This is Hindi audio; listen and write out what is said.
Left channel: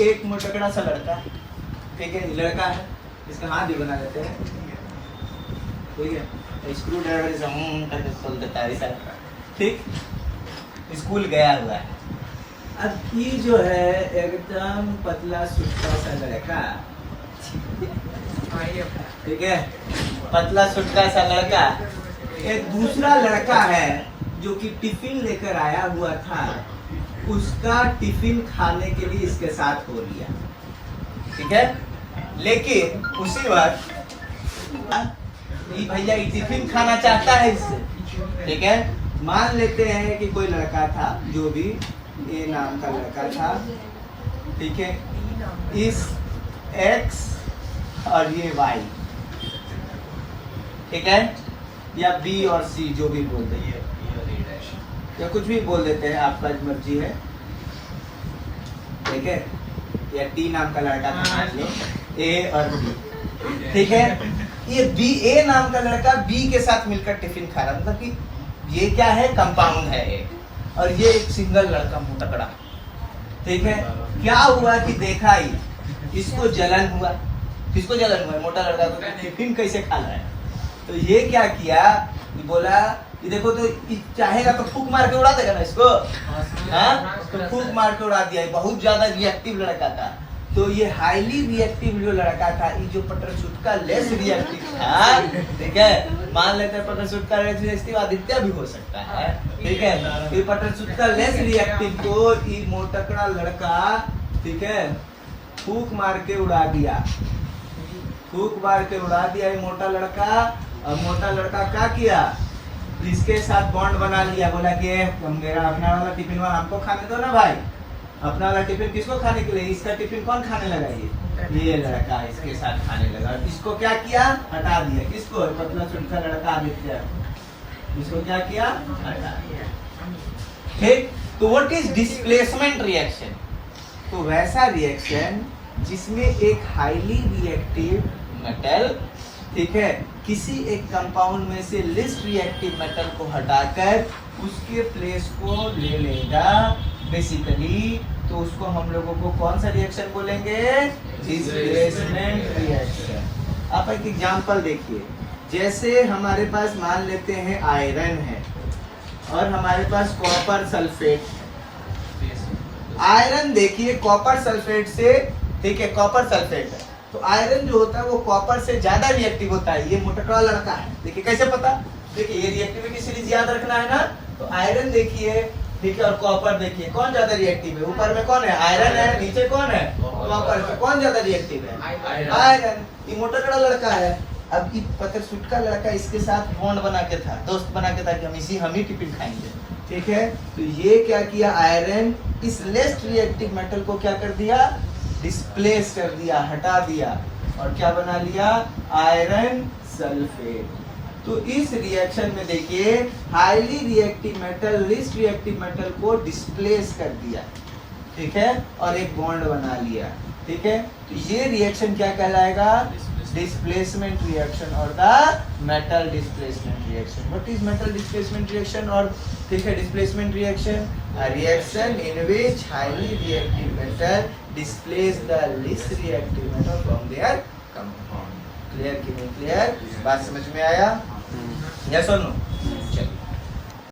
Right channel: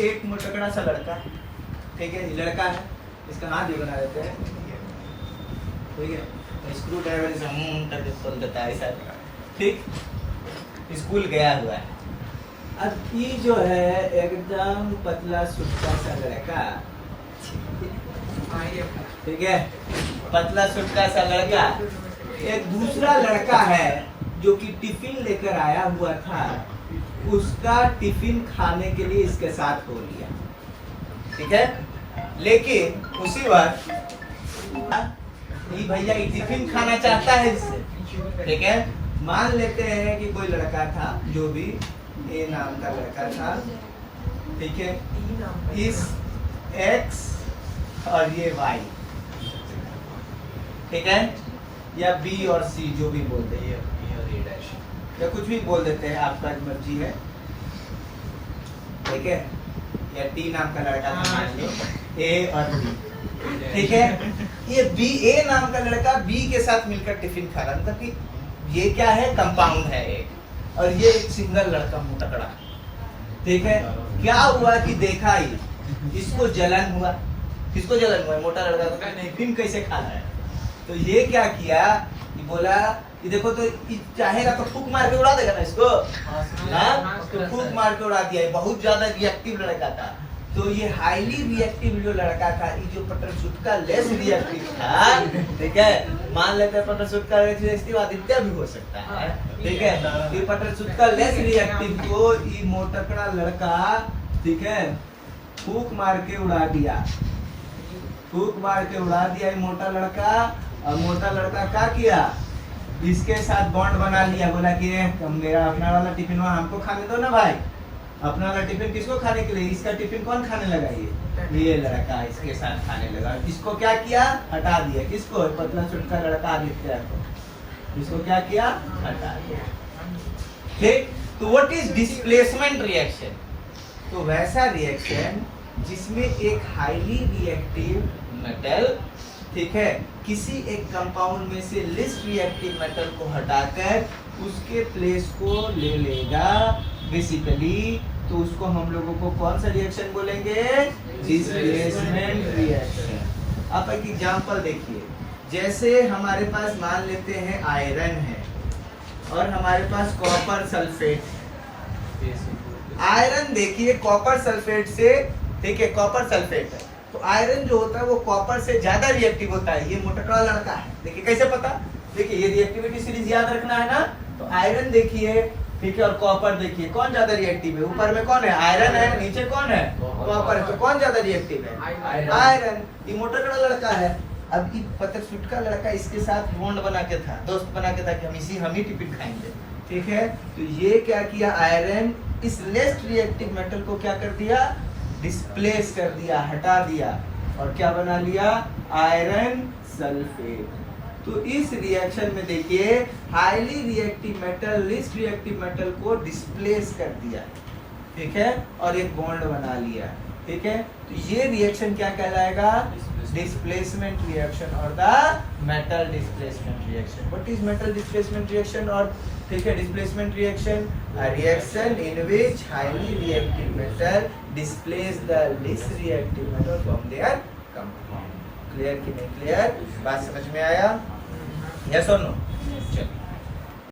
एक मोटकड़ा सा लड़का, ठीक है, लड़का है, इसका हाथ भी बना देते हैं, ठीक है, स्क्रू ड्राइवर से करके खोल देता है ऐसा, ठीक, स्कूल गया हुआ है। अब ये जो है एकदम पतला सुटका सा लड़का, ठीक है, पतला सुटका सा लड़का, एक दूसरा लड़का है जो कि टिफिन लेकर आया हुआ था, उसका टिफिन खाने के लिए इसके साथ हो लिया, ठीक है। लेकिन उसी वक्त ये भैया ये टिफिन खाना चाहता है इससे, ठीक है। मान लेते हैं कि कोई लड़का था, जो भी ए नाम का लड़का था, ठीक है, इस एक्स और ये वाई, ठीक है, या बी और सी जो भी बोल देते हैं, या कुछ भी बोल देते हैं, आपका मर्जी है, ठीक है, या टी नाम का लड़का था, ए और बी, ठीक है। ये बी, ए नाम का लड़का बी के साथ मिलकर टिफिन खा रहा, मतलब कि ये क्या है, कंपाउंड है ये, और ये एक सिंगल लड़का मोटकड़ा, ठीक है। क्या हुआ कि देखा ही इसको जलन हुआ, किसको जलन हुआ, मोटा लड़का को, टिफिन कैसे खा रहा है। तो ये क्या किया, ये बोला कि देखो तो चाहेगा तो फूक मार के उड़ा देगा ना इसको, फूक मार के उड़ा दिया। बहुत ज्यादा रिएक्टिव लड़का था, तो ये हाईली रिएक्टिव जो लड़का था, ये जो पटरसुटका लेस रिएक्टिव था, ठीक है, मान लेते हैं पटरसुटका लेस रिएक्टिव आदित्य भी हो सकता है, ठीक है, ये पटरसुटका लेस रिएक्टिव को ये मोटकड़ा लड़का, ठीक है, फूक मार के उड़ा दिया, फूक मार के उड़ा दिया ये मोटा लड़का। और मोटा लड़का क्या किया, इसके साथ बॉन्ड बना लिया, बोला कि हम गया अपना वाला टिफिन वहाँ हमको खाने दो ना भाई, अपना वाला टिफिन किसको खाने के लिए, इसका टिफिन कौन खाने लगा, ये लड़का इसके साथ खाने लगा। इसको क्या किया, हटा दिया, किसको, पतला सुटका लड़का आदित्य, इसको क्या किया, हटा दिया, ठीक। तो व्हाट इज डिस्प्लेसमेंट रिएक्शन, तो वैसा रिएक्शन जिसमें एक हाईली रिएक्टिव मेटल, ठीक है, किसी एक कंपाउंड में से लिस्ट रिएक्टिव मेटल को हटाकर उसके प्लेस को ले लेगा बेसिकली, तो उसको हम लोगों को कौन सा रिएक्शन बोलेंगे, डिस्प्लेसमेंट रिएक्शन। आप एक एग्जांपल देखिए, जैसे हमारे पास मान लेते हैं आयरन है और हमारे पास कॉपर सल्फेट, आयरन देखिए कॉपर सल्फेट से, ठीक है, कॉपर सल्फेट है, तो आयरन जो होता है वो कॉपर से ज्यादा रिएक्टिव होता है। ये मोटकड़ा लड़का है, देखिए कैसे पता, देखिए ये रिएक्टिविटी सीरीज याद रखना है ना, तो आयरन देखिए, ठीक है, और कॉपर देखिए कौन ज्यादा रिएक्टिव है, ऊपर में कौन है, आयरन है, नीचे कौन है, कॉपर, तो कौन ज्यादा रिएक्टिव है, आयरन। ये मोटकड़ा लड़का है, अब ये पतरसुटका लड़का इसके साथ बॉन्ड बना के था, दोस्त बना के था कि हम ही टिफिन खाएंगे, ठीक है। तो ये क्या किया, आयरन इस लेस्ट रिएक्टिव मेटल को क्या कर दिया, डिस्प्लेस कर दिया, हटा दिया, और क्या बना लिया, आयरन सल्फेट। तो इस रिएक्शन में देखिए highly reactive metal least reactive metal को डिस्प्लेस कर दिया, ठीक है, और एक बॉन्ड बना लिया, ठीक है। तो ये रिएक्शन क्या कहलाएगा, डिस्प्लेसमेंट रिएक्शन और the metal displacement reaction. What is metal displacement reaction, और ठीक है, displacement reaction, a reaction in which highly reactive metal displace the least reactive metal from their compound। Clear कि नहीं क्लियर, बात समझ में आया, यस और नो।